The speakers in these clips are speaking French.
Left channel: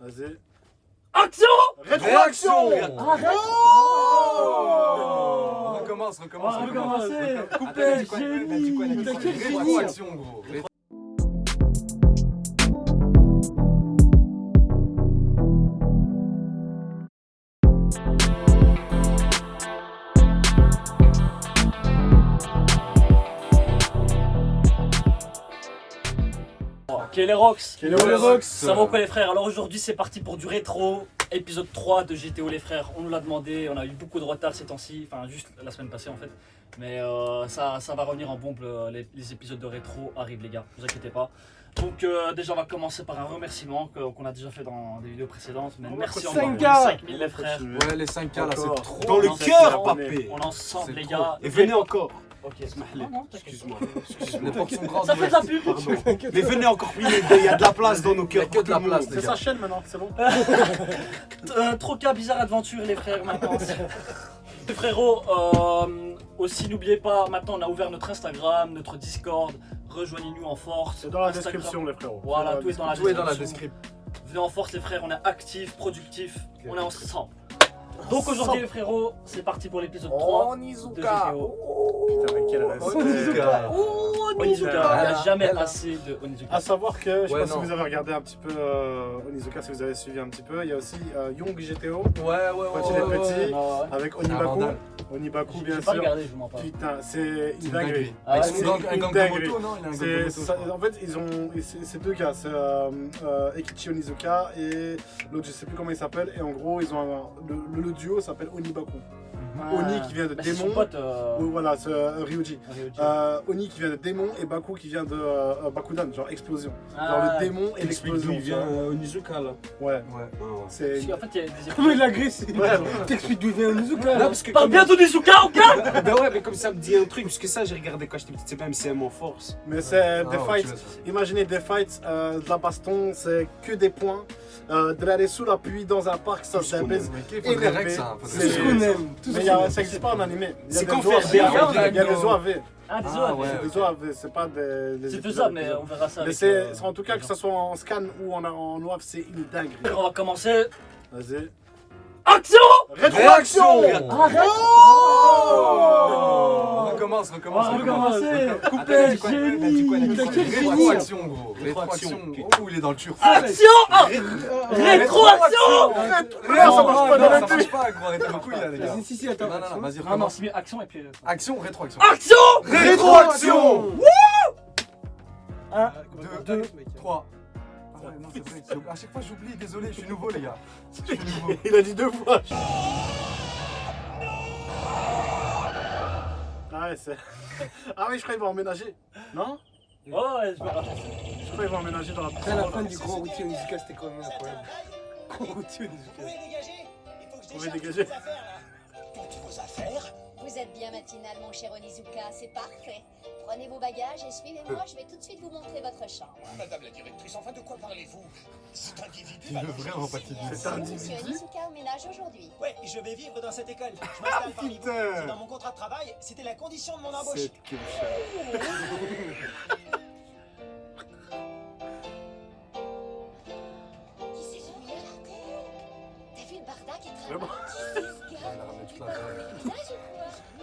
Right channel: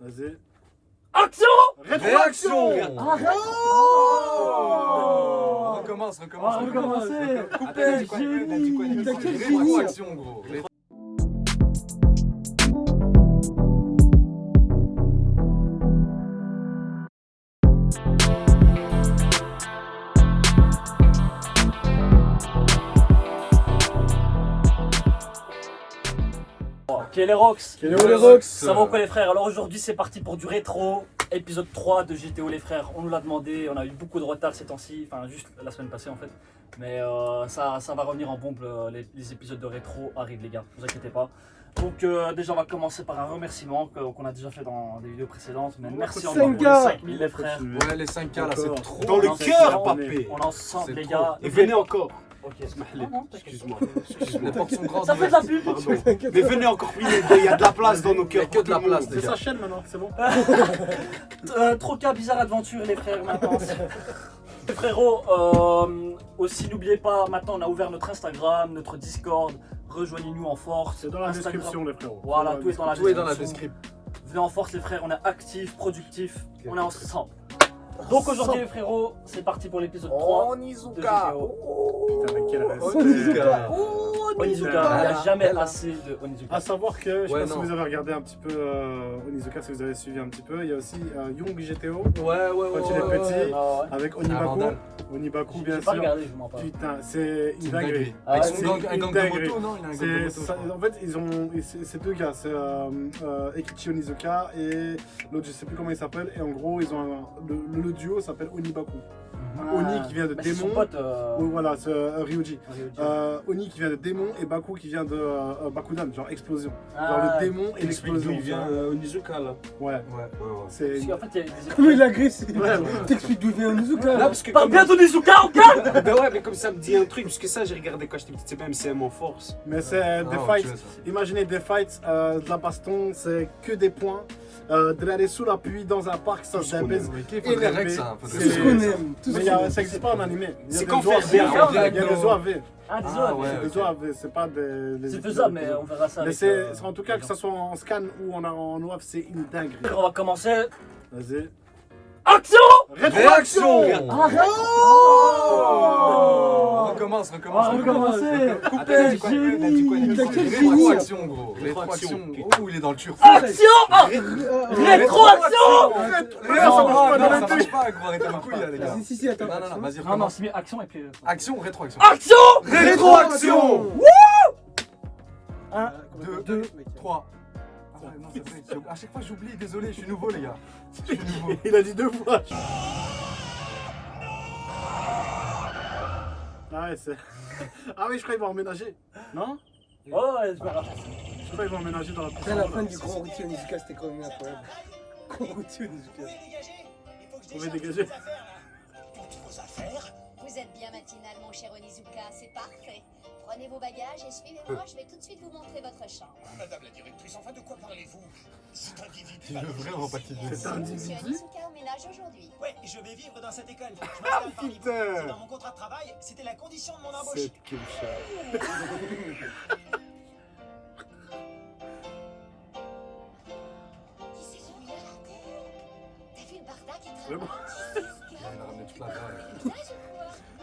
Vas-y. Action! Rétroaction. Arrête! Oh recommence. Recommencer. Coupé, Génie. rétroaction gros. Ok les Rocks, Rocks. ça va ou quoi les frères? Alors aujourd'hui c'est parti pour du rétro, épisode 3 de GTO les frères. On nous l'a demandé, on a eu beaucoup de retard ces temps-ci, enfin juste la semaine passée en fait. Mais ça va revenir en bombe, les épisodes de rétro arrivent les gars, ne vous inquiétez pas. Donc déjà on va commencer par un remerciement qu'on a déjà fait dans des vidéos précédentes. Mais merci encore pour les 5000 les frères. Ouais les 5K là c'est trop. Dans le On cœur, est- papé. On est ensemble C'est les trop. gars. Et venez encore. Ok. Smahli. Non, t'inquiète. Excuse-moi. Les portes sont grandes. Ça fait de la pub. Pardon. Mais venez encore plus, il y a de la place dans nos Il y a cœurs. que de la place les C'est gars. sa chaîne maintenant, c'est bon. Troca Bizarre Adventure les frères maintenant. Les frérots, aussi n'oubliez pas, maintenant on a ouvert notre Instagram, notre Discord, rejoignez-nous en force. C'est dans la Instagram. description, les frérots. Voilà, tout est dans la Tout est dans la description. description. Venez en force les frères, on est actifs, productifs, on est ensemble. Donc aujourd'hui les frérots, c'est parti pour l'épisode 3 de Onizuka. GTO. Putain, mais quel respect. Onizuka. Onizuka, il n'y a Bella, jamais Bella. assez de Onizuka. A savoir que, je sais Ouais, pas si non. vous avez regardé un petit peu Onizuka, si vous avez suivi un petit peu, il y a aussi Young GTO Ouais. Quand il est petit. Ouais. avec un Onibaku. vandale. Onibaku, J'ai bien pas sûr. regardé, je vous mens pas. Putain, c'est C'est une une dinguerie. dinguerie. Ah, Avec c'est son gang, un une gang de dinguerie. moto, non? Il a un gang de C'est moto. je ça- crois. en fait, c'est deux gars, c'est Ekichi Onizuka et l'autre, je sais plus comment il s'appelle. Et en gros, ils ont le duo s'appelle Onibaku. Oni qui vient de Bah, c'est son démon. pote, Ou voilà, c'est Ryuji. Ryuji. Oni qui vient de démon et Baku qui vient de Bakudan, genre explosion. Genre Ah, le démon et Explique l'explosion. d'où il vient Onizuka là. Ouais, Ouais. c'est. parce qu'en fait, il y a des Comment il épisodes. agresse Ouais, T'expliques d'où vient Onizuka Non, parce que Parle comme- bien d'Onizuka, on calme. Ben ouais, mais comme ça me dit un truc, parce que ça j'ai regardé quand j'étais petit, c'est pas MCM en force. Mais c'est des Ah, fights. tu vois ça. Imaginez des fights, de la baston, c'est que des points. De l'aller sous la pluie dans un parc, ça Tout se ce qu'on baise. Mais qu'il faudrait règle ça. C'est- Tout faudrait ce règle qu'on ça. aime. Tout ce Mais qu'on aime. ça existe pas en animé. Il y a C'est des qu'on OAV, fait bien, il y a des Diago. OAV. Ah, Ah, désolé. ouais. Il y a des OAV, c'est pas des C'est épisodes faisable, mais de- on verra ça. Mais avec, c'est en tout cas les que gens. ça soit en scan ou en OAV, c'est une dinguerie. On va commencer. Vas-y. Action! Réaction. Arrête! Oh recommence. On va recommencer. Coupé. Génie. Rétroaction gros. Rétroaction. Oh il est dans le turf. Action! Ah, rétroaction! Ça marche pas dans la Ça tête. marche pas gros. Arrêtez vos couilles là les gars. Si, attends. Non, vas-y, Non, non, recommence. c'est mieux action et puis. Action, rétroaction. Action! Rétroaction. 1, 2, 3. Ah ouais, non, c'est vrai. À chaque fois, j'oublie. Désolé, je suis nouveau, les gars. Je suis nouveau. Il a dit deux fois. Ah ouais, c'est. Ah oui, je crois qu'il va emménager. Non? Oh, ouais, je me rappelle. Je crois qu'il va emménager dans la Putain, la fin du grand routier Onizuka, c'était quand même incroyable. Grand routier Onizuka. Vous pouvez dégager. Vous êtes bien matinal, mon cher Onizuka, c'est parfait. Prenez vos bagages et suivez-moi, je vais tout de suite vous montrer votre chambre. Madame la directrice, enfin de quoi parlez-vous? Cet individu. Il veut vraiment pas qu'il C'est un Monsieur individu. Onizuka emménage aujourd'hui. Ouais, je vais vivre dans cette école. Je m'installe parmi vous. putain. C'est dans mon contrat de travail, c'était la condition de mon embauche. C'est Kimcha. Qui c'est celui-là? T'as vu le barda qui est Vraiment. Il a ramené toute la balle.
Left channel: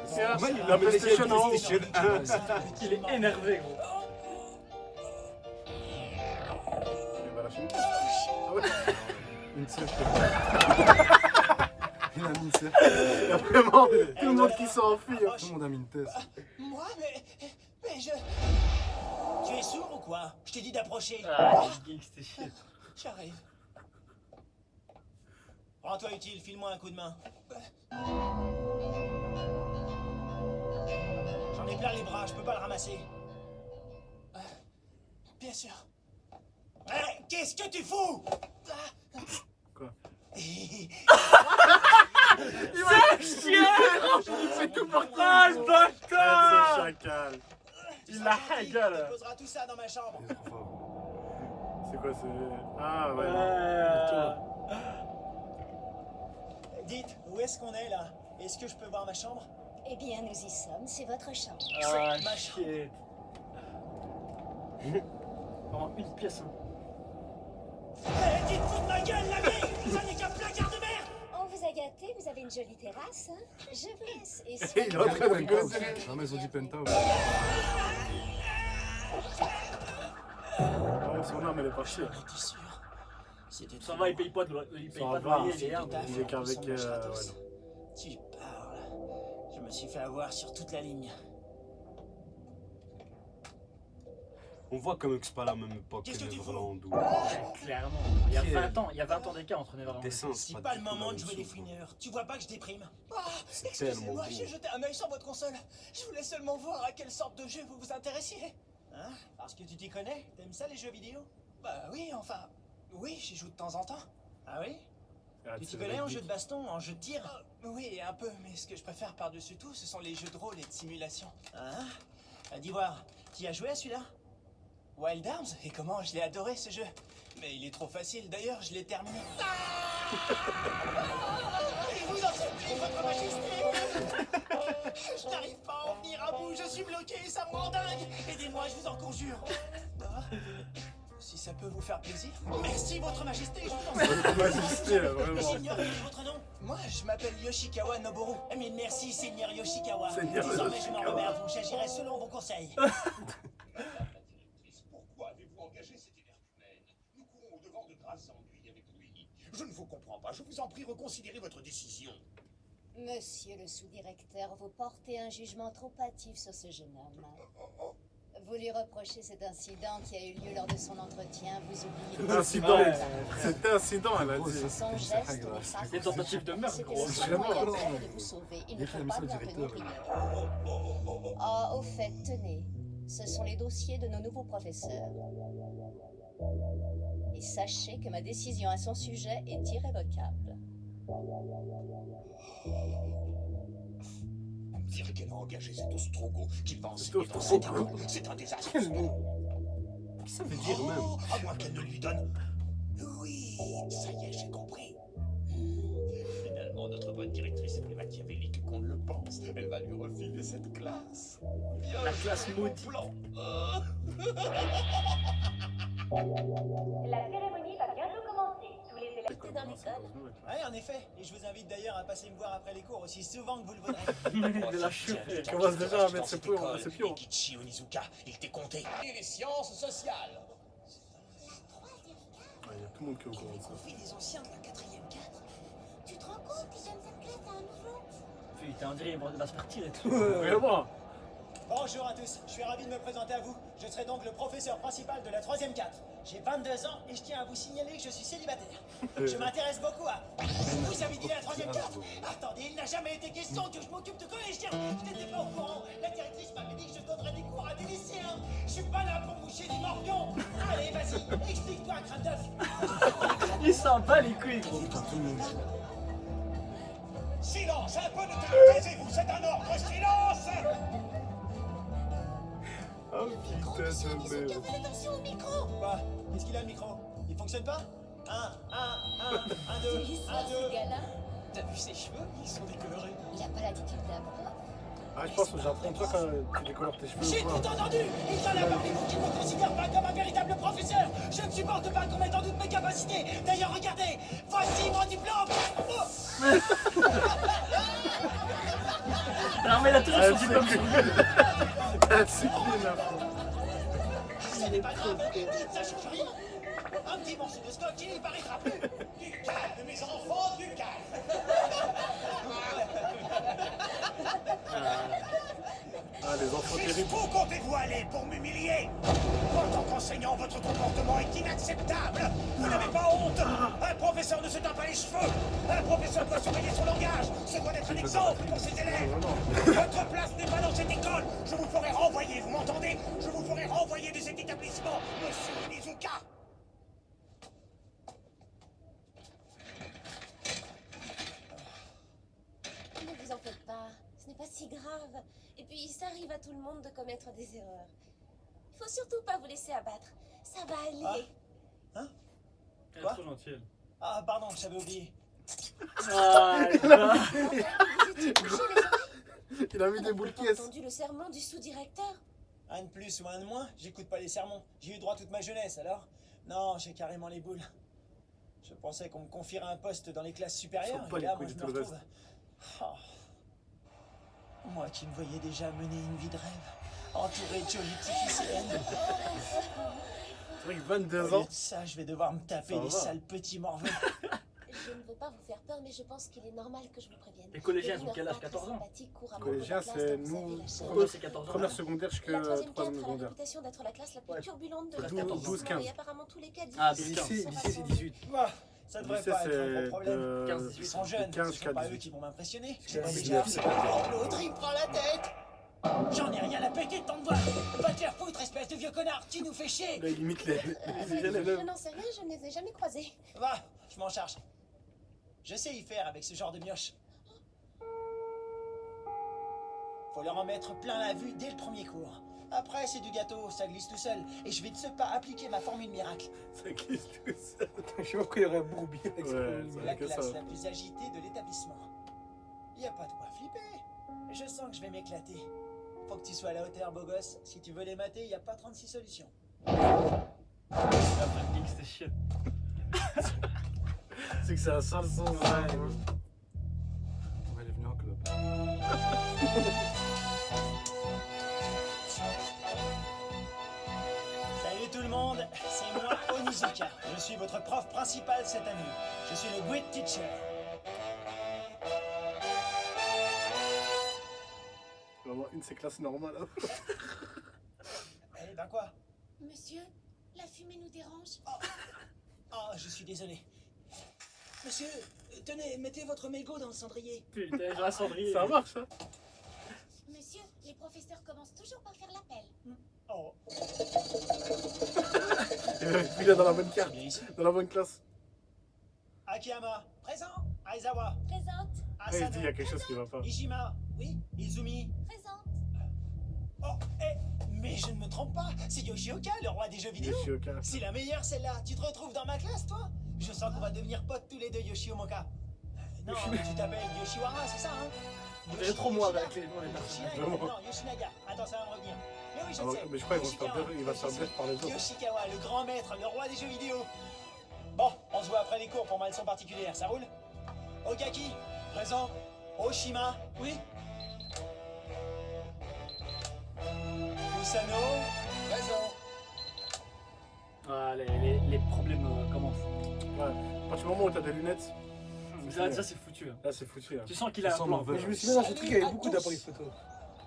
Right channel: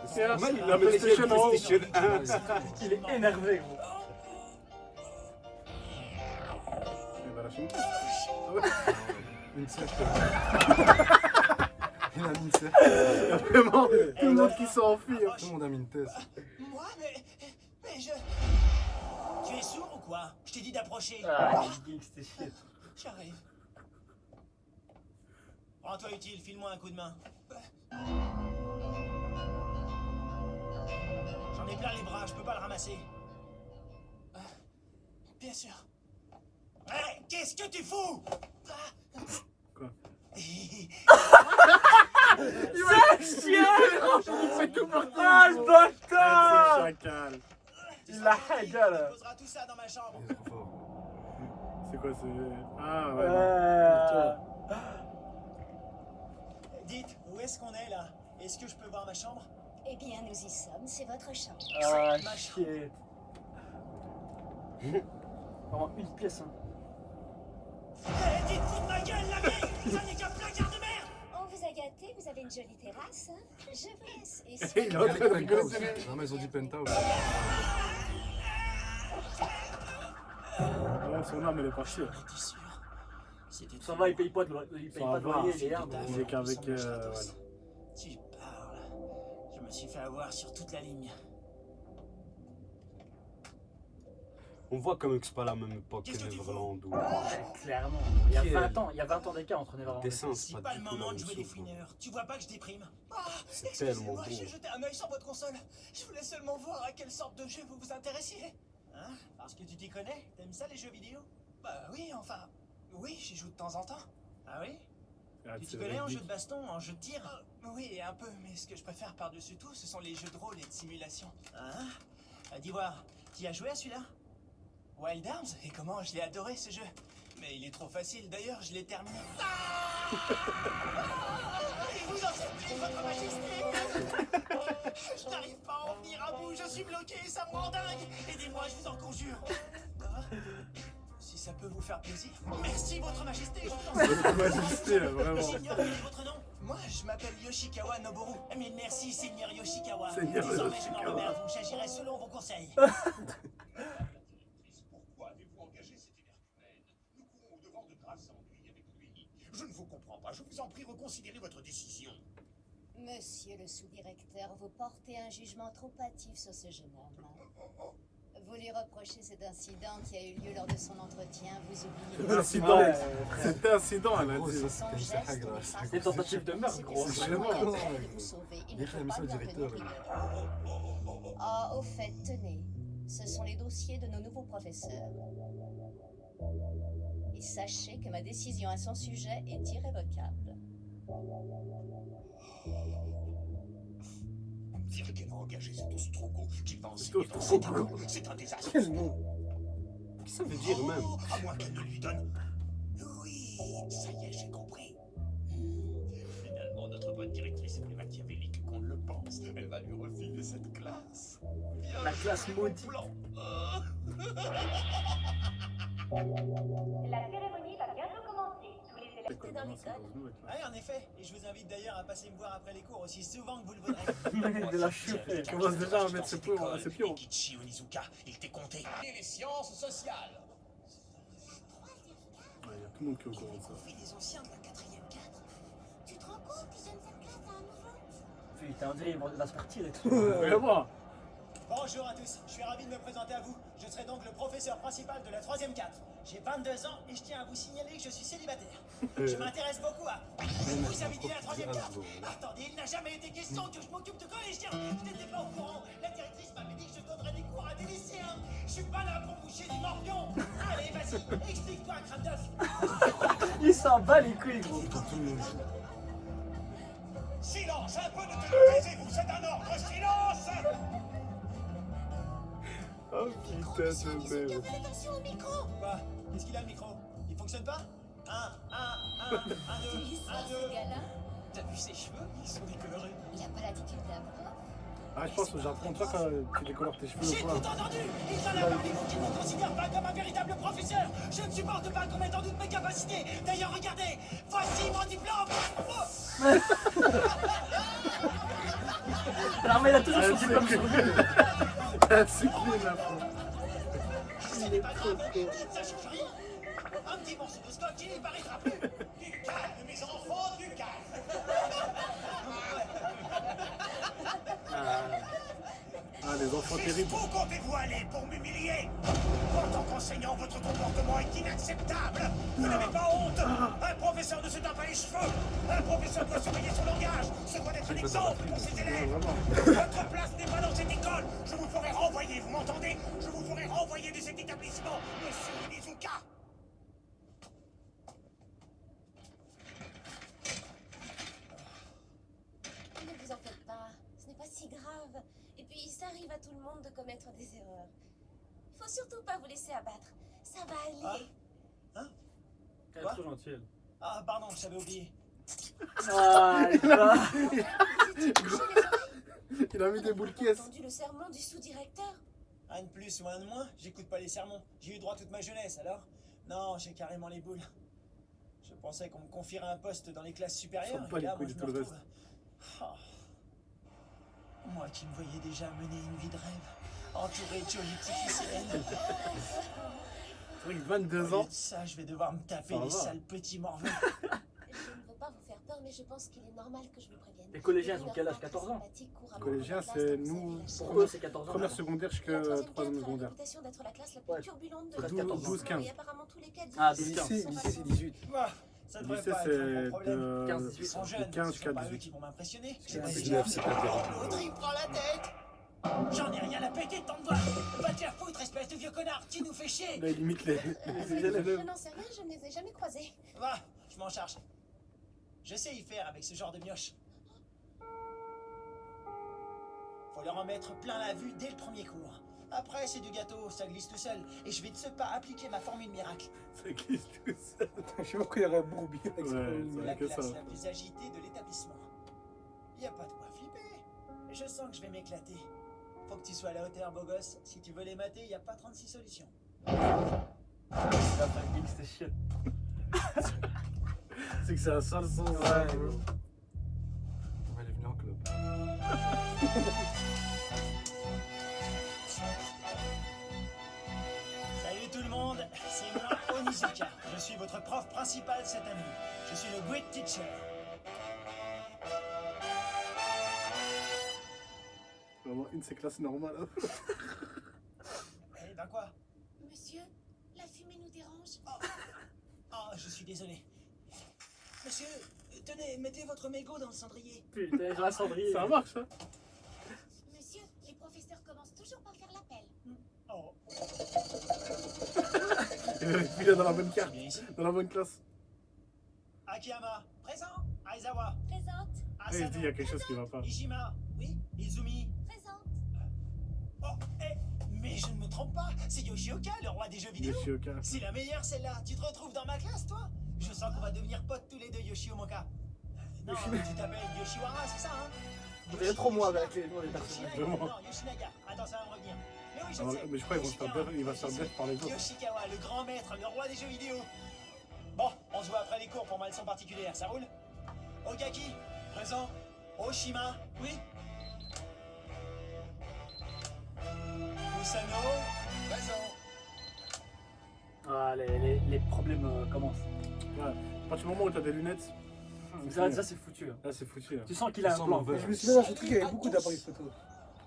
C'est Moi, il la a mené PlayStation en haut. PlayStation 1. Il est énervé, gros. Il va lâcher une caisse. Ah ouais. Une sèche. Il a mis une sèche. Il y a vraiment tout le monde qui s'enfuit. hein. Tout le monde a mis une thèse. Moi, mais je. Tu es sourd ou quoi? Je t'ai dit d'approcher. Ah, il geek, c'était shit. J'arrive. Rends-toi utile, file-moi un coup de main. J'en ai plein les bras, je peux pas le ramasser. Bien sûr. Qu'est-ce que tu fous? Quoi? C'est chien! Il fait tout pour Ah, le C'est bâtard! chacal. Il la haga, Tu poseras tout ça dans ma chambre. Il est trop fort. C'est quoi c'est. Ah ouais. Dites, où est-ce qu'on est là? Est-ce que je peux voir ma chambre? Eh bien, nous y sommes, c'est votre chambre. Ah, shit. Vraiment une pièce, hein. Dites, fous de ma gueule jolie terrasse, hein? Je vous laisse. Et Il est en soyez- train de rigoler. Penthouse. Non, mais ils ont dit penthouse. Non, son âme, elle est pas chier. T'es sûr? C'était Ça va, il paye pas de loyer, il paye Ça pas de va. loyer, il est là. Il est qu'avec. Ouais, non. Tu parles. Je me suis fait avoir sur toute la ligne. On voit quand même que c'est pas la même époque que Neverland ou. Clairement, il y a 20 ans, il y a 20 ans d'écart entre Neverland. Dessin, C'est c'est pas pas le du tout la moment de même jouer les chose. quoi. fouineurs. Tu vois pas que je déprime? C'est tellement Excusez-moi, beau. j'ai jeté un œil sur votre console. Je voulais seulement voir à quelle sorte de jeu vous vous intéressiez. Hein? Parce que tu t'y connais? T'aimes ça les jeux vidéo? Bah oui, enfin... Oui, j'y joue de temps en temps. Ah oui? Ah, Tu t'y c'est connais en vrai. jeu de baston, en jeu de tir? Oui, un peu, mais ce que je préfère par-dessus tout, ce sont les jeux de rôle et de simulation. Hein? Dis voir, tu y as joué à celui-là? Wild Arms? Et comment je l'ai adoré ce jeu. Mais il est trop facile, d'ailleurs, je l'ai terminé. Et vous en supplie, votre majesté! Je n'arrive pas à en venir à bout, je suis bloqué, ça me rend dingue! Aidez-moi, je vous en conjure! Si ça peut vous faire plaisir. Merci, votre majesté, je vous en supplie. Votre majesté, là, vraiment. J'ignore votre nom. Moi, je m'appelle Yoshikawa Noboru. Mais merci, Seigneur Yoshikawa. Seigneur Désormais, je m'en Yoshikawa. remets à vous. J'agirai selon vos conseils. Pourquoi avez-vous engagé cet énergumène? Nous courons au-devant de graves ennuis avec lui. Je ne vous comprends pas. Je vous en prie, reconsidérez votre décision. Monsieur le sous-directeur, vous portez un jugement trop hâtif sur ce jeune homme. Vous lui reprochez cet incident qui a eu lieu lors de son entretien, vous oubliez Incident. Ouais, C'était incident, elle a Gros, dit. ça, son c'est geste. ça, grâce. C'est une tentative de meurtre, gros. C'est vraiment- de vous sauver. Il Il ne fait faut la mission pas au lui en directeur, tenir lui. rigueur. Ah, au fait, tenez. Ce sont les dossiers de nos nouveaux professeurs. Et sachez que ma décision à son sujet est irrévocable. Dire qu'elle a engagé cet ostrogo qui va Cet enseigner dans cette ostrogo. école, c'est un désastre. Quel nom? Qu'est-ce que ça veut dire même À moins qu'elle ne lui donne. Oui, ça y est, j'ai compris. Finalement, notre bonne directrice est plus machiavélique qu'on ne le pense. Elle va lui refiler cette classe. Bien La classe joué, maudite. Blanc. La cérémonie va bientôt commencer. Tous les élèves. C'est dans l'école. Ouais, en effet. Et je vous invite d'ailleurs à passer me voir après les cours aussi souvent que vous le voudrez. De la chupée. Il commence déjà à mettre ses pions. Kichi Onizuka, il t'est compté. Et les sciences sociales. Il y a tout le monde qui est au courant de ça. Confie des anciens de la 4e 4. Tu te rends compte qu'ils donnent cette classe à un niveau? Putain, on dirait qu'il va se faire tirer dessus. Vraiment. Bonjour à tous, je suis ravi de me présenter à vous. Je serai donc le professeur principal de la 3e 4. J'ai 22 ans et je tiens à vous signaler que je suis célibataire. Je m'intéresse beaucoup à... Vous avez dit la 3e 4? Attendez, il n'a jamais été question que je m'occupe de collégiens. Je n'étais pas au courant. La directrice m'avait dit que je donnerais des cours à des lycéens. Je suis pas là pour moucher des morpions. Allez, vas-y, explique-toi, crâne d'œuf. Il s'en bat les couilles, gros. Silence, un peu de temps, taisez-vous, c'est un ordre, silence. Oh putain, c'est merde. Fais attention au micro! Quoi? Qu'est-ce qu'il a le micro? Il fonctionne pas? 1, 2, 1, 2. Ce gars-là, T'as vu ses cheveux? Ils sont décolorés. il a pas l'attitude d'un prof. Ah, je pense que j'apprends toi quand tu décolores tes cheveux J'ai ou quoi. tout entendu! Il y en a parmi vous qui ne me considèrent pas comme un véritable professeur! Je ne supporte pas qu'on mette en doute mes capacités! D'ailleurs, regardez! Voici mon diplôme! Oh. Non, mais il a toujours son c'est diplôme que- sur lui. Ah, c'est clean, là. Ce n'est pas grave, ça change rien! Un petit morceau de scotch, il n'y paraîtra plus! Du calme, mes enfants, du calme! Ah, les enfants terribles. Jusqu'où comptez-vous aller pour m'humilier? En tant qu'enseignant, votre comportement est inacceptable. Vous n'avez pas honte. Un professeur ne se teint pas les cheveux. Un professeur doit surveiller son langage. Se doit être un exemple pour ses élèves. Votre place n'est pas dans cette école. Je vous ferai renvoyer, vous m'entendez? Je vous ferai renvoyer de cet établissement, monsieur Onizuka. Ne vous en faites pas, ce n'est pas si grave. Et puis, ça arrive à tout le monde de commettre des erreurs. Il faut surtout pas vous laisser abattre. Ça va aller. Elle est trop gentille. Ah, pardon, j'avais oublié. Ah, Il a mis des boules J'ai caisses. entendu le sermon du sous-directeur. Un de plus ou un de moins, j'écoute pas les sermons. J'ai eu droit toute ma jeunesse, alors? Non, j'ai carrément les boules. Je pensais qu'on me confierait un poste dans les classes supérieures. S'en bat Et les là, couilles moi, de je tout me le retrouve Oh. Moi qui me voyais déjà mener une vie de rêve, entouré de jolies petites lycéennes. C'est vrai que 22 Au lieu ans. de ça, je vais devoir me taper Ça les va. sales petits morveux. Je ne veux pas vous faire peur, mais je pense qu'il est normal que je vous prévienne. Les collégiens, ils ont quel âge? 14 ans? Collégiens, c'est nous, Pour eux, c'est 14 ans. Première secondaire jusqu'à troisième secondaire. d'être la classe la Ouais. plus turbulente de 13, la 14 ans. 12, 15. Et apparemment tous les cas Ah, difficiles. 12, 15. Lycée, c'est 18. Voilà, ça devrait Lycée, pas c'est être un gros problème. de 15, Ils 18. sont de jeunes, 15 ce jusqu'à sont pas eux 18. qui vont m'impressionner. C'est Mais 19, déjà, c'est pas bien. l'autre, il me prend la tête. J'en ai rien à péter de ton doigt. Va te faire foutre, espèce de vieux connard, tu nous fais chier. Là, il limite les Je élèves. n'en sais rien, je ne les ai jamais croisés. Va, je m'en charge. Je sais y faire avec ce genre de mioche. Faut leur en mettre plein la vue dès le premier cours. Après, c'est du gâteau, ça glisse tout seul. Et je vais de ce pas appliquer ma formule miracle. Ça glisse tout seul. Je sais pas pourquoi il y aurait Bourbier avec ça. Ouais, C'est c'est la que classe ça. la plus agitée de l'établissement. Y a pas de quoi flipper. Je sens que je vais m'éclater. Faut que tu sois à la hauteur, beau gosse. Si tu veux les mater, y a pas 36 solutions. La panique, c'est shit. C'est que c'est un sale sens. On va aller venir en club. Salut tout le monde, c'est moi Onizuka. Je suis votre prof principal cette année. Je suis le Great Teacher. Vraiment, une c'est classe normale. Eh ben quoi? Monsieur, la fumée nous dérange. Oh, je suis désolé. Monsieur, tenez, mettez votre mégot dans le cendrier. Putain, j'ai un cendrier. Ça marche, hein? Monsieur, les professeurs commencent toujours par faire l'appel. Oh, Il est dans la bonne c'est carte, bien ici. dans la bonne classe. Akiyama, présent. Aizawa, Présente, Ah, il se dit, il y Asano, a quelque chose qui va pas. Ishima, oui, Izumi. présente. Oh, mais je ne me trompe pas, c'est Yoshioka, le roi des jeux vidéo. Yoshioka. C'est la meilleure celle-là. Tu te retrouves dans ma classe, toi? Je sens qu'on va devenir potes tous les deux, Yoshiomoka. Non, tu t'appelles Yoshiwara, c'est ça, hein? Vous êtes trop moi avec les noms des personnages. Yoshinaga, non, Yoshinaga. Attends, ça va me revenir. Mais oui, je Ah, sais. mais je crois qu'il va se faire Yoshikawa. bien, il va se faire bien par les autres. Yoshikawa, le grand maître, le roi des jeux vidéo. Bon, on se voit après les cours pour ma leçon particulière, ça roule? Okaki, présent. Oshima, oui. Usano, présent. Ah, les problèmes commencent. Ouais. À partir du moment où t'as des lunettes, Ça, c'est foutu. Hein. là c'est foutu. Là. Tu sens qu'il a Ça un sent plan. mauvais. Je me souviens dans ce truc, il y avait beaucoup d'appareils photo.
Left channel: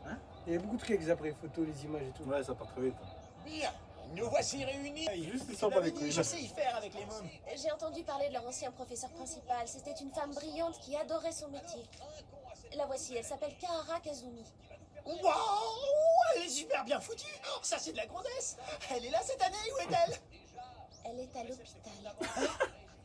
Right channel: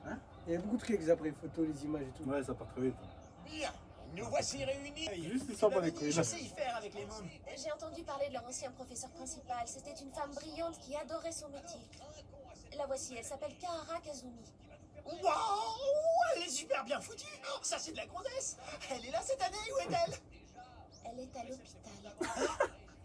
Hein? Il y avait beaucoup de trucs avec des appareils photo, les images et tout. Ouais, ça part très vite. Bien, nous voici réunis. Juste, il sent pas les couilles. Je sais y faire avec les mômes. J'ai entendu parler de leur ancien professeur principal. C'était une femme brillante qui adorait son métier. La voici, elle s'appelle Kahara Kazumi. Waouh, elle est super bien foutue. Ça, c'est de la grossesse. Elle est là cette année, où est-elle? Elle est à l'hôpital.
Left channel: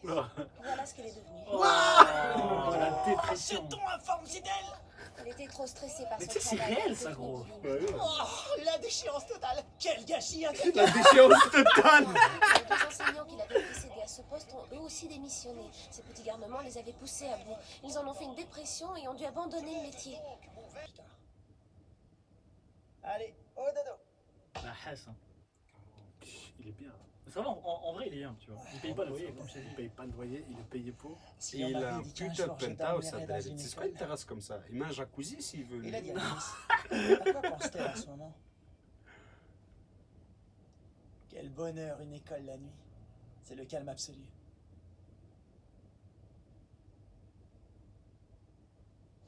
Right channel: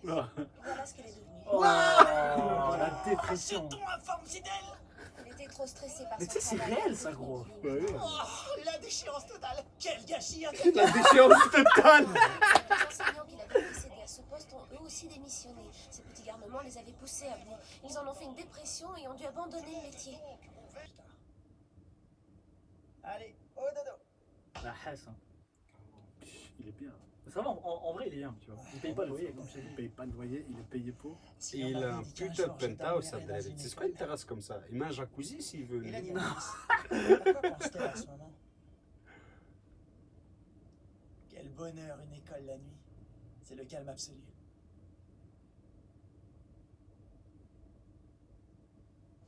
Ah. Voilà ce qu'elle est devenue. Oh, la Ce dépression. ton informe, c'est elle. Elle était trop stressée par Mais son tu sais, c'est travail. réel, ça, gros. Ouais, ouais. Oh, la déchéance totale. Quel gâchis La intégré. déchéance totale. Les enseignants qui l'avaient précédé à ce poste ont eux aussi démissionné. Ces petits garnements les avaient poussés à bout. Ils en ont fait une dépression et ont dû abandonner le métier. Allez, au dodo. La haisse. Hein. Il est bien. Ça va, en vrai, il est bien, tu vois. Il paye pas le loyer, comme je t'ai Il dit. paye pas le loyer, il est payé pour. Si Il on a un avait dit qu'un putain de jour, je penthouse, ça t'emmènerais dans une C'est quoi une école, terrasse comme ça? Il met un jacuzzi s'il veut. Il a lui. dit pourquoi pense-t-elle en ce moment? Quel bonheur une école la nuit. C'est le calme absolu.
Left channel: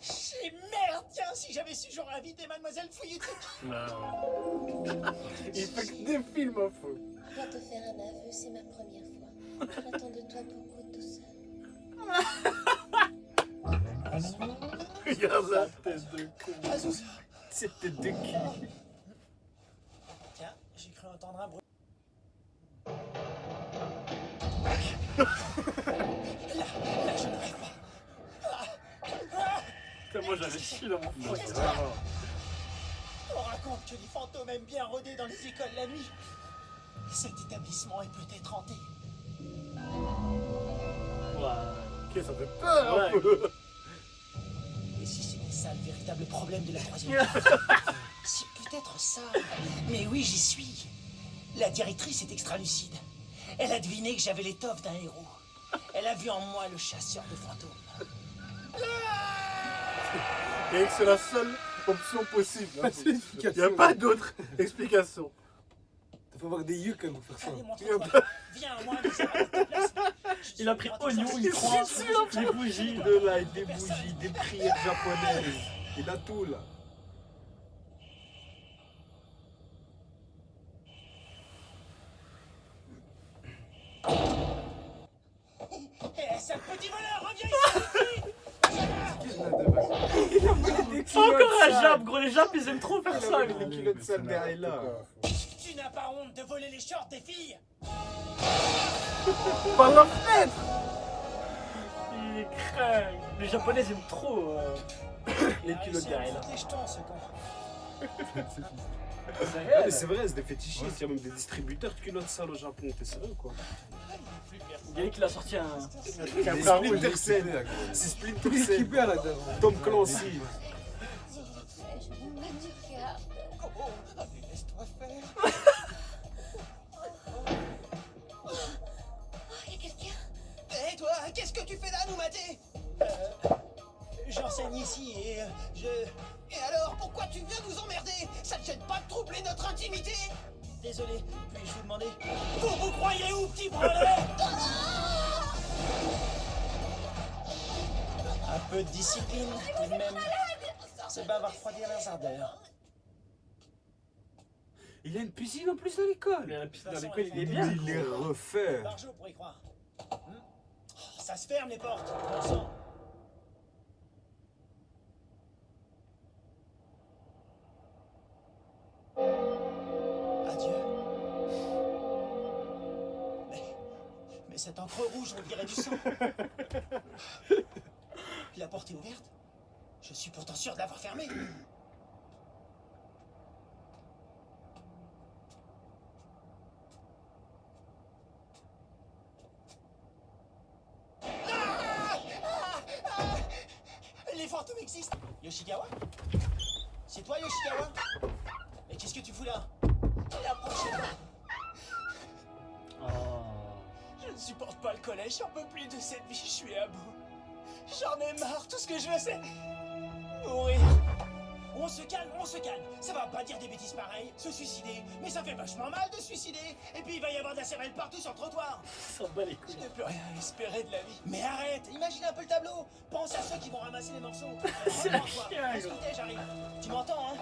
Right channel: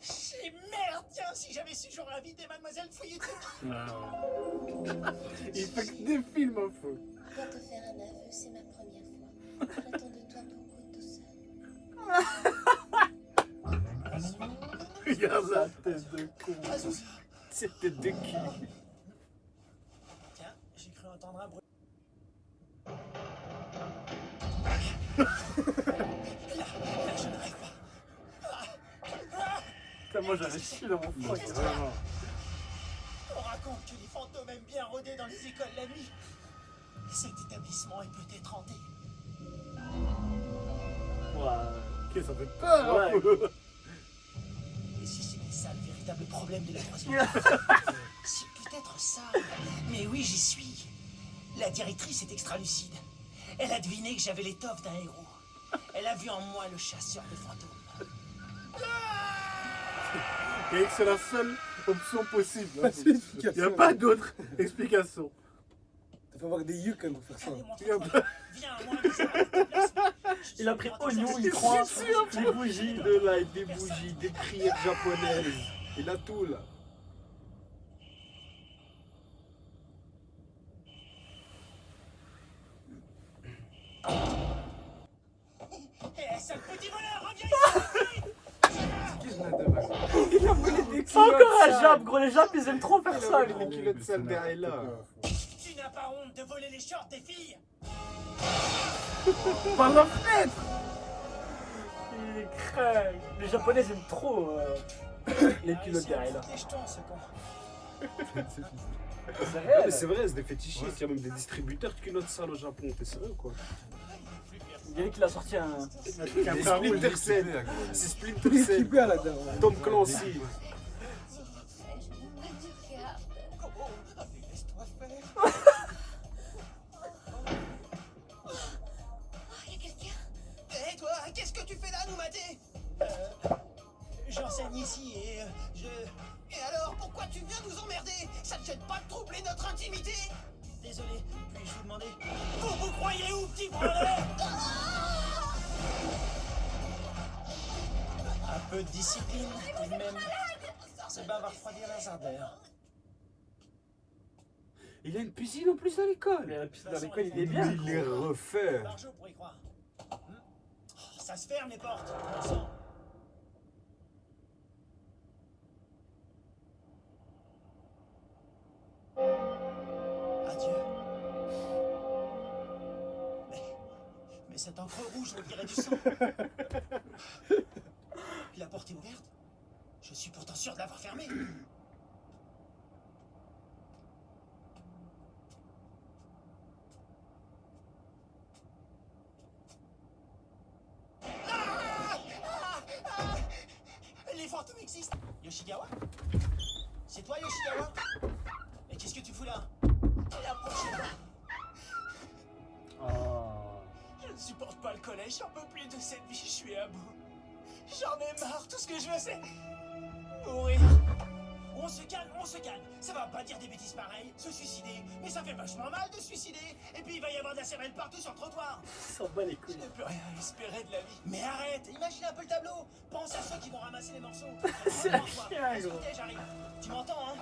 J'ai merde, tiens, si j'avais su, j'aurais invité Mademoiselle Fuyuti. Ah, ouais. Il fait que des films en faux. Je dois te faire un aveu, c'est ma première fois. J'attends de toi beaucoup de douceur. Regarde ça. Tête de con. Cette tête de cul. Tiens, j'ai cru entendre un bruit. Là, je ne rêve pas. Putain, moi, j'avais chié dans mon froc. Vraiment. On raconte que les fantômes aiment bien rôder dans les écoles la nuit. Cet établissement est peut-être hanté. Ouais. Ok, ça fait peur. Ouais. un peu. Et si c'était ça le véritable problème de la troisième? C'est peut-être ça. Mais oui, j'y suis. La directrice est extra lucide. Elle a deviné que j'avais l'étoffe d'un héros. Elle a vu en moi le chasseur de fantômes. Et c'est la seule option possible. Hein. Pas de Il n'y a explication. pas d'autre explication. Il faut avoir des yeux quand même pour faire ça. Allez, montre-toi. Il y a pas- Viens, moi, on essaie de te placer. Il a pris oignon, une croix, des bougies. De light, des bougies, des prières japonaises. Il a tout là. Eh, sale petit voleur, reviens ici. Qu'est-ce qu'on a de mal? Il a volé des C'est encore un Jap, gros. Les Japs, ils aiment trop faire ça. Il a les culottes sales derrière là. Tu n'as pas honte de voler les shorts des filles? Par la fenêtre. Il est craint. Les Japonais aiment trop les culottes derrière là. Les jetons, ce con. C'est Ah, réel. mais c'est vrai, c'est des fétichistes. Il y a même des distributeurs de culottes sales au Japon. T'es sérieux quoi? Yannick, il a sorti un. Il y a Les pas un rouge. Splinter Cell. Équipé, gros. C'est Splinter Il est Cell. équipé à la dernière. Tom Clancy. Je me garde. Oh, laisse-toi faire. Oh, y a quelqu'un? Eh toi, qu'est-ce que tu fais là, nous mater? J'enseigne ici et Et alors, pourquoi tu viens nous emmerder? Ça te gêne pas de troubler notre intimité? Désolé, puis-je vous demander? Vous croyez où, petit branleur? Un peu de discipline, tout de même. C'est va refroidir les ardeurs. Il a une piscine en plus à l'école. Mais la piscine dans l'école, il est bien. Il est refait. Par jour pour y croire. Ça se ferme les portes, on sent. Adieu. Mais cette encre rouge, on dirait du sang. La porte est ouverte. Je suis pourtant sûr de l'avoir fermée. Les fantômes existent. Yoshigawa? C'est toi, Yoshigawa? Mais qu'est-ce que tu fous là? Approchez-toi. Oh. Je ne supporte pas le collège, j'en peux plus de cette vie, je suis à bout. J'en ai marre, tout ce que je veux c'est mourir. On se calme, ça va pas dire des bêtises pareilles, se suicider, mais ça fait vachement mal de se suicider. Et puis il va y avoir de la cervelle partout sur le trottoir. Il s'en bat les Je couilles. n'ai plus rien à espérer de la vie. Mais arrête, imagine un peu le tableau. Pense à ceux qui vont ramasser les morceaux. C'est un chien, gros. Écoutez, j'arrive. Tu m'entends, hein?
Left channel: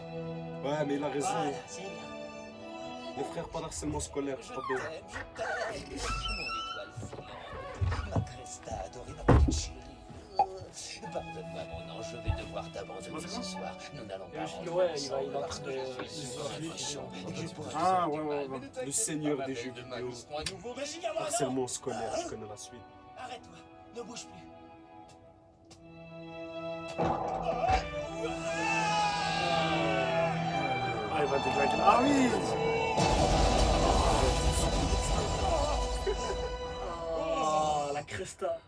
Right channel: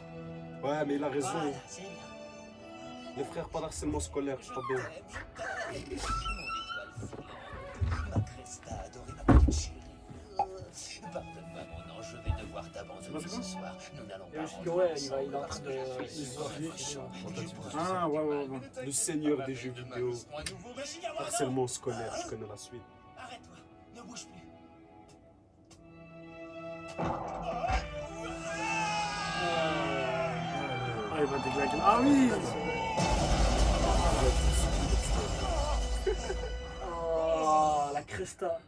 Ouais, mais il a raison. Voilà, c'est bien. Les frères, pas d'harcèlement scolaire, c'est pas bien. Mon étoile filante, ma Cresta adorée, ma petite chérie. Pardonne-moi, mon ange, je vais devoir t'abandonner ce soir. Nous n'allons pas. Ouais, il est en train de. Ah, ouais. Le seigneur des jeux vidéo. Harcèlement scolaire, je connais la suite. Arrête-toi, ne bouge plus. Ah, il va déglaguer. Ah oui. Oh, la Cresta.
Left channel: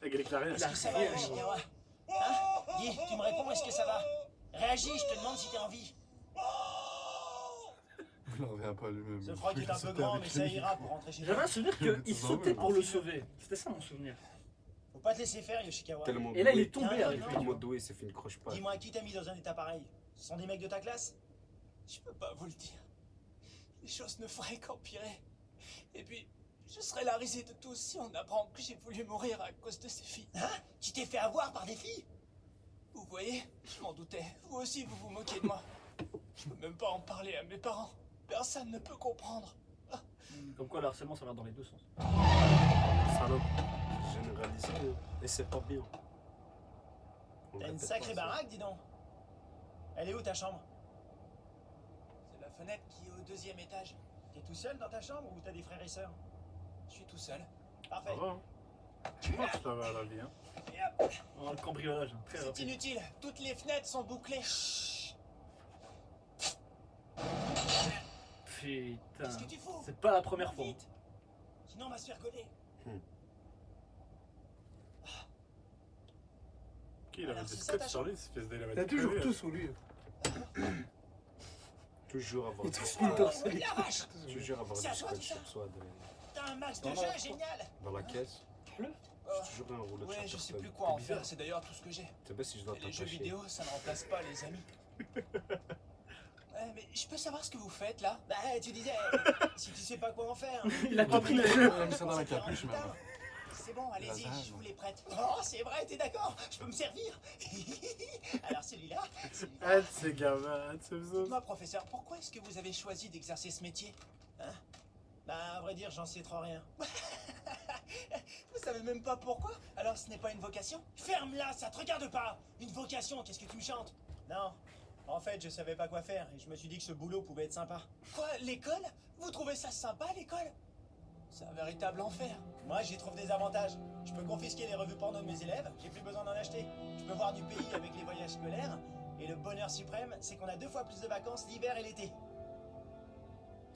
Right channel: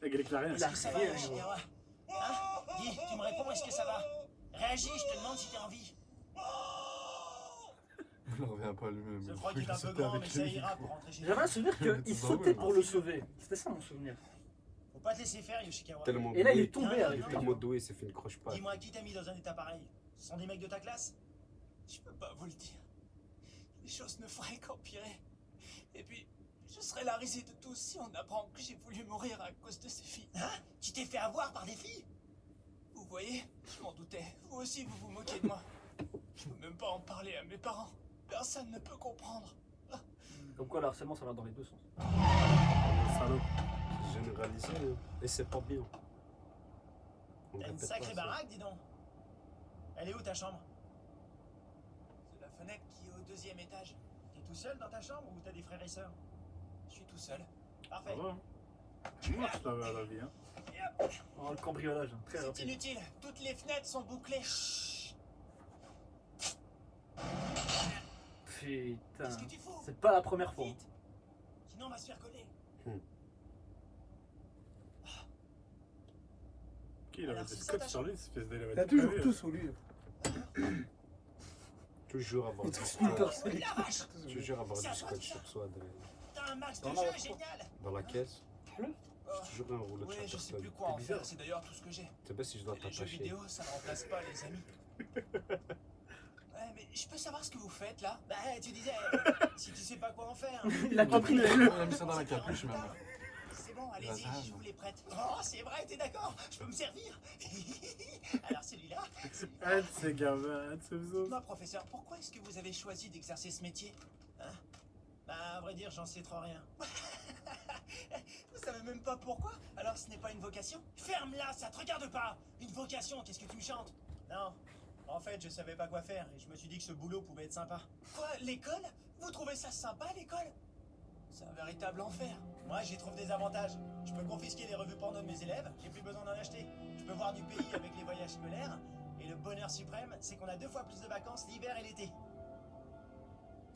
Avec les clarières. Il a Ça va, rien, Yoshigawa? Hein? Dis, tu me réponds, est-ce que ça va? Réagis, je te demande si t'es en vie. Il en revient pas lui-même. Ce froid Il est un a peu sauté grand, mais avec ça lui. ira pour rentrer chez J'avais toi. un souvenir qu'il sautait pour le sauver. C'était ça mon souvenir. Faut pas te laisser faire, Yoshikawa. Tellement Et là, il doué. est tombé avec lui. Tellement doué, il s'est fait une croche patte. Dis-moi, qui t'a mis dans un état pareil? Ce sont des mecs de ta classe? Je peux pas vous le dire. Les choses ne feraient qu'empirer. Et puis, je serais la risée de tous si on apprend que j'ai voulu mourir à cause de ces filles. Hein? Tu t'es fait avoir par des filles? Vous voyez, je m'en doutais. Vous aussi, vous vous moquez de moi. Je peux même pas en parler à mes parents. Personne ne peut comprendre. Comme quoi, le harcèlement, ça va dans les deux sens. Salope. Généralisé, hein. Et c'est pas bien. On T'as une répète sacrée pas ça. baraque, dis donc. Elle est où ta chambre? C'est la fenêtre qui est au deuxième étage. T'es tout seul dans ta chambre ou t'as des frères et sœurs? Je suis tout seul. Parfait. Ça va, hein. Tu marches la vie, hein. Et hop, Oh, le cambriolage, hein, très c'est rapide. inutile. Toutes les fenêtres sont bouclées. Chut. Putain. Qu'est-ce que tu fous? C'est pas la première fois. Vite. Sinon on va se faire gauler. Qui il avait Alors, des si scotch ça sur lui, cette espèce d'élément. T'as toujours tout sous lui. Toujours avoir du Splinter scotch. Cell. La vache! Toujours avoir C'est du à toi, scotch tout ça. sur soi. T'as Un max de Non, jeu, non, génial. Dans la caisse. Le J'ai toujours un rouleau de Ouais, je sais Chatterton. plus quoi en faire, c'est d'ailleurs tout ce que j'ai. C'est pas si je dois Et les jeux t'attacher. vidéo, ça ne remplace pas les amis. Mais je peux savoir ce que vous faites là? Bah, tu disais, si tu sais pas quoi en faire. Il a compris les Il jeux. a mis ça dans la capuche même. C'est bon, allez-y, Lazare. je vous les prête. Oh, c'est vrai, t'es d'accord? Je peux me servir. Alors celui-là, Ah, de ces gamins, de ces zos. dites-moi professeur, pourquoi est-ce que vous avez choisi d'exercer ce métier? Hein? Bah, à vrai dire, j'en sais trop rien. Vous savez même pas pourquoi? Alors ce n'est pas une vocation? Ferme-la, ça te regarde pas. Une vocation, qu'est-ce que tu me chantes? Non. En fait, je savais pas quoi faire et je me suis dit que ce boulot pouvait être sympa. Quoi? L'école? Vous trouvez ça sympa, l'école? C'est un véritable enfer. Moi, j'y trouve des avantages. Je peux confisquer les revues porno de mes élèves, j'ai plus besoin d'en acheter. Je peux voir du pays avec les voyages scolaires. Et le bonheur suprême, c'est qu'on a 2 fois plus de vacances l'hiver et l'été.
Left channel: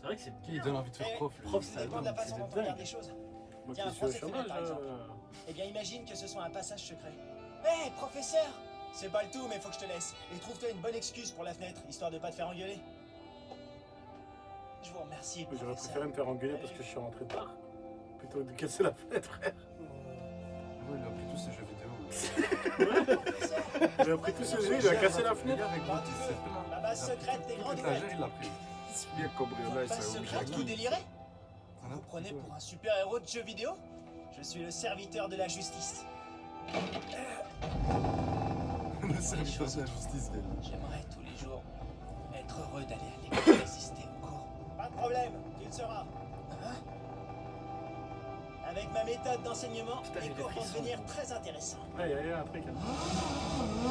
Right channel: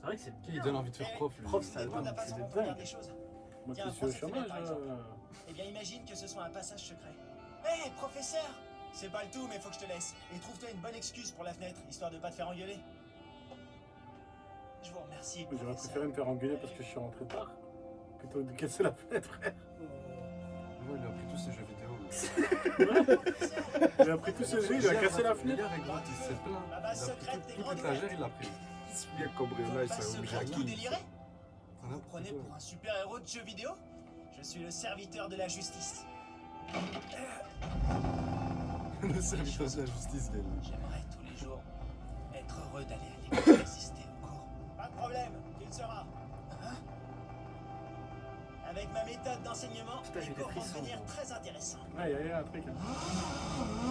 C'est vrai que c'est Qui bien. donne envie de faire prof, lui. Prof, Vous ça dépend de la c'est façon de dont on regarde dingue. les choses. Moi Tiens, qui suis au prends cette chômage, fenêtre, par exemple. Eh bien, imagine que ce soit un passage secret. Hé, professeur! C'est pas le tout, mais faut que je te laisse. Et trouve-toi une bonne excuse pour la fenêtre, histoire de pas te faire engueuler. Je vous remercie, J'aurais professeur. préféré me faire engueuler parce que je suis rentré tard. Plutôt que de casser la fenêtre, frère. Ouais, il a pris tous ses jeux vidéo. Il a pris tous ses jeux, il a cassé la fenêtre. Hier, gros, il s'est plaint. La Il base a pris secrète des toute grandes l'étagère, il l'a pris. C'est bien cambriolage, Pas ça ce oblige que à vous qui? délirez? Ah, Vous non, prenez plutôt. pour un super-héros de jeux vidéo? Je suis le serviteur de la justice. Le serviteur de la justice, Gaël. J'aimerais tous les jours être heureux d'aller à l'école et assister au cours. Pas de problème, il sera. Hein? Avec ma méthode d'enseignement, Putain, les j'ai des cours vont frissons, devenir gros. très intéressants. Ah, il y a un truc. Hein.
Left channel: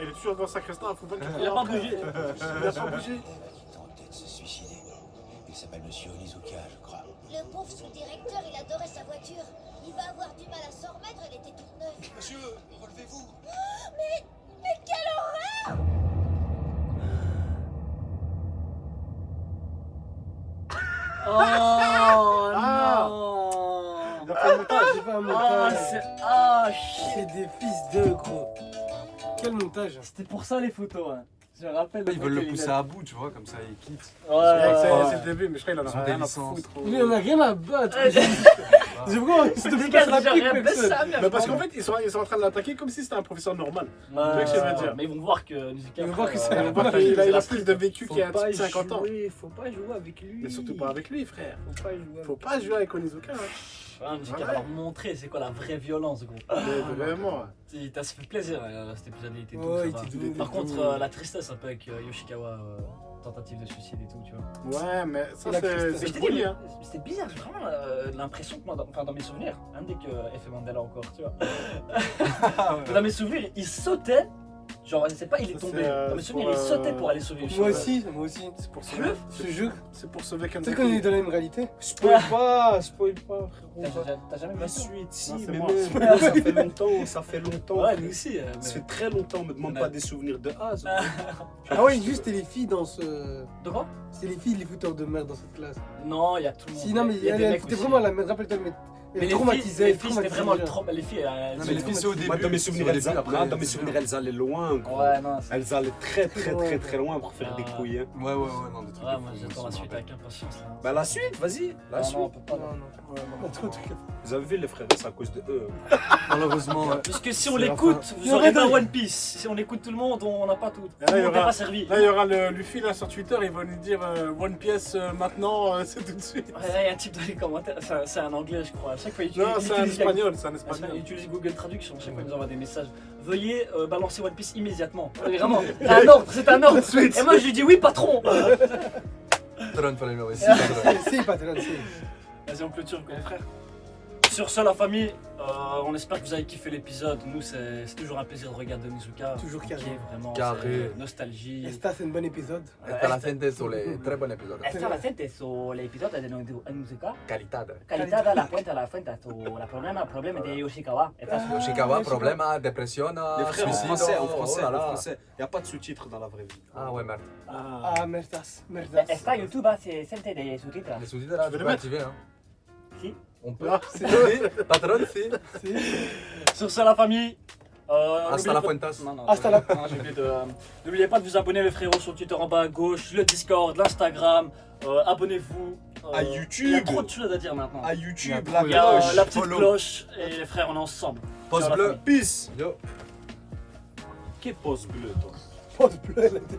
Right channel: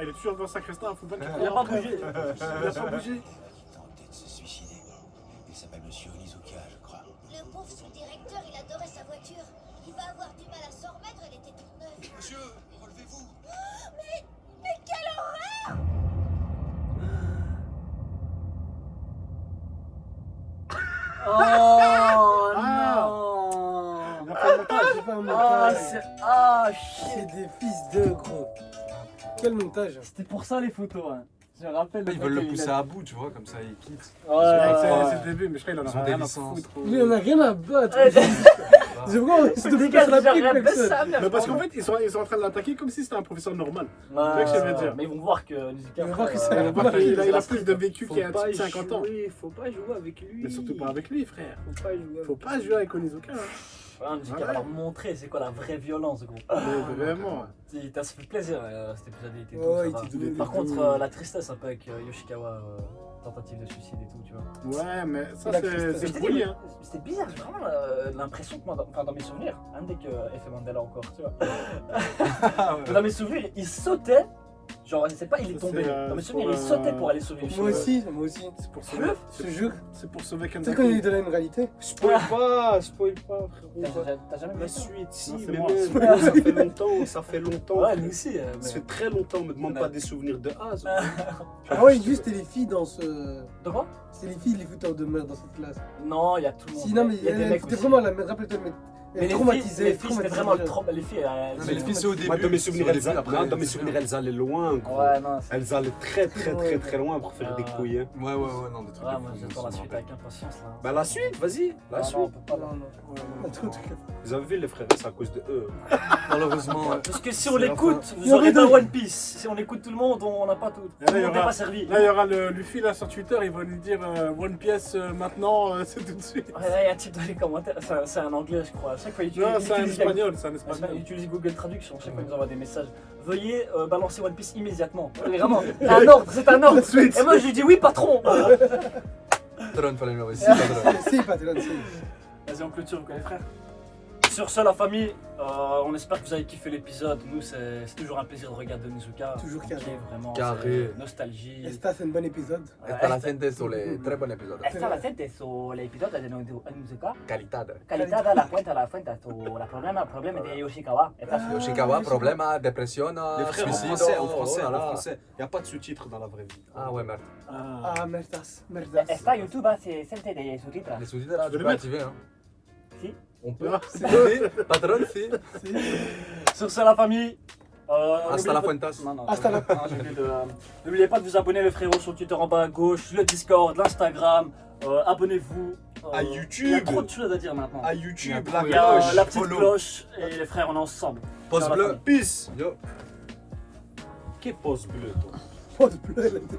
Ah, il est toujours dans le sacristain, faut pas qu'il Il a pas bougé. Il a pas bougé. Ils vont peut-être se suicider. Il s'appelle Monsieur Onizuka, je crois. Le pauvre sous-directeur, il adorait sa voiture. Il va avoir du mal à s'en remettre, elle était toute neuve. Monsieur, relevez-vous. Mais quelle horreur! Oh Ah. non. Il a fait le montage. J'ai fait un Ah, montage. c'est. Ah, shit. C'est des fils de gros. Quel montage. C'était pour ça les photos, hein. Je me rappelle. Ils veulent mec, le il pousser a- à bout, tu vois, comme ça il quitte. C'est Ouais. le début, mais je crois qu'il en Ils ont a des rien à licences. foutre. Il en a rien à battre. Ouais, C'est pourquoi on se Les gars, la déjà pique, rien baisse personne. sa mère. Mais parce qu'en fait, ils sont en train de l'attaquer comme si c'était un professeur normal. Ouais, c'est ce que je veux dire. Mais ils vont voir que Nizuka. Ils vont voir que frère, c'est Il un a, bon pas- il a plus de vécu Faut qu'il y a pas 50 ans. jouer, faut pas jouer avec lui. Mais surtout pas avec lui, frère. Faut pas jouer. Faut pas jouer avec Onizuka. Hein. Ouais, Nizuka Ouais. va leur montrer c'est quoi la vraie violence, gros. Mais vraiment. Ça se fait plaisir, cet épisode il était doux, Ouais, ça il va. était doux, il Par était contre, doux. la tristesse un peu avec Yoshikawa, tentative de suicide et tout, tu vois. Ouais, mais ça, Il a c'est tristesse. c'est Je t'ai cool, dit, hein. c'était bizarre, j'ai vraiment l'impression que moi, dans mes souvenirs, un dès que Effet Mandela encore, tu vois. Dans mes souvenirs, il sautait, genre, je sais pas, il est Ça, tombé. c'est, Dans mes souvenirs, il pour, sautait pour aller sauver Yoshikawa. Moi aussi. C'est pour Fleuve, Je te jure. C'est pour sauver Tu sais quand il est Kanzaki. dans la même réalité. Spoil pas, frérot. T'as jamais vu La ça? suite, si, Non, c'est mais moi. même, ça fait longtemps, ça fait longtemps. Ouais, nous aussi. Ça fait très longtemps, me demande Mais- pas des souvenirs de Az. Ah ouais, juste c'était les filles dans ce. De quoi? C'est les filles, les fouteurs de merde dans cette classe. Non, il y a tout le monde. Si, non, mais il y a des elle mecs c'était aussi. vraiment la merde. Rappelle-toi, mais. Mais les filles, c'était vraiment le trop. Les filles, Non, mais les filles, c'est au début. Moi, dans mes c'est au souvenirs, début, après, dans mes c'est souvenirs, bien. elles allaient loin, gros. Ouais, non, c'est. Elles allaient très loin pour faire des Ah. couilles. Hein. Ouais, non, des trucs. Ouais, de moi fou, j'attends ça la me suite rappelle. avec impatience là. Bah, la suite, vas-y, la Non, suite. non, on peut pas. Non, là. non. Un truc. Vous avez vu les frères, c'est à cause de eux. Malheureusement, ouais. Parce que si on C'est la l'écoute, fin. vous Il y aurez aurait pas deux. One Piece. Si on écoute tout le monde, on n'a pas tout. Et là, Tout le il y monde n'est aura- pas servi. Là, il y aura le Luffy là sur Twitter, il va nous dire One Piece maintenant, c'est tout de suite. Ouais, il y a un type dans les commentaires, c'est un anglais je crois. À chaque fois il Non, utilise, c'est un il espagnol, c'est un il espagnol. utilise Google Traduction, chaque fois il nous envoie des messages. Veuillez balancer One Piece immédiatement. Vraiment, c'est un ordre, c'est un ordre. Et moi je lui dis oui patron. Patron, fallait le aussi, patron. Si, pas là, si. Vas-y on clôture les frères. Sur ce la famille, on espère que vous avez kiffé l'épisode. Nous c'est toujours un plaisir de regarder Nizuka. Toujours Ok, carré. vraiment. Carré. c'est Nostalgie. Esta, c'est un bon épisode. Hasta la gente sole, très bon épisode. Esta la gente su l'episodio di Nizuka. Qualità. Qualità dalla fuente alla fuente su la problema di Yoshikawa. Yoshikawa, problema, dépression, Les frères, en suicide. français, oh là là. Il n'y a pas de sous-titres dans la vraie vie. Ah ouais, merde. Ah, merdas. Merdas. Esta YouTube se sente dei sottotitoli. Les sous-titres là, Je vais tu les peux mettre. activer. Hein. Si. On peut. Ah, Si, patron, si. Sur ce la famille, Hasta la fuentas. Non, non, Hasta la- non, j'ai oublié n'oubliez pas de vous abonner les frérots sur Twitter en bas à gauche, le Discord, l'Instagram. Abonnez-vous. À Il y a YouTube. trop de choses à dire maintenant. À YouTube, la Il y a cloche, la petite follow. cloche et les frères, on est ensemble. Post Ciao, la bleu. famille. Peace. Yo. Qu'est poste bleu, toi? Pause bleu, elle a dit.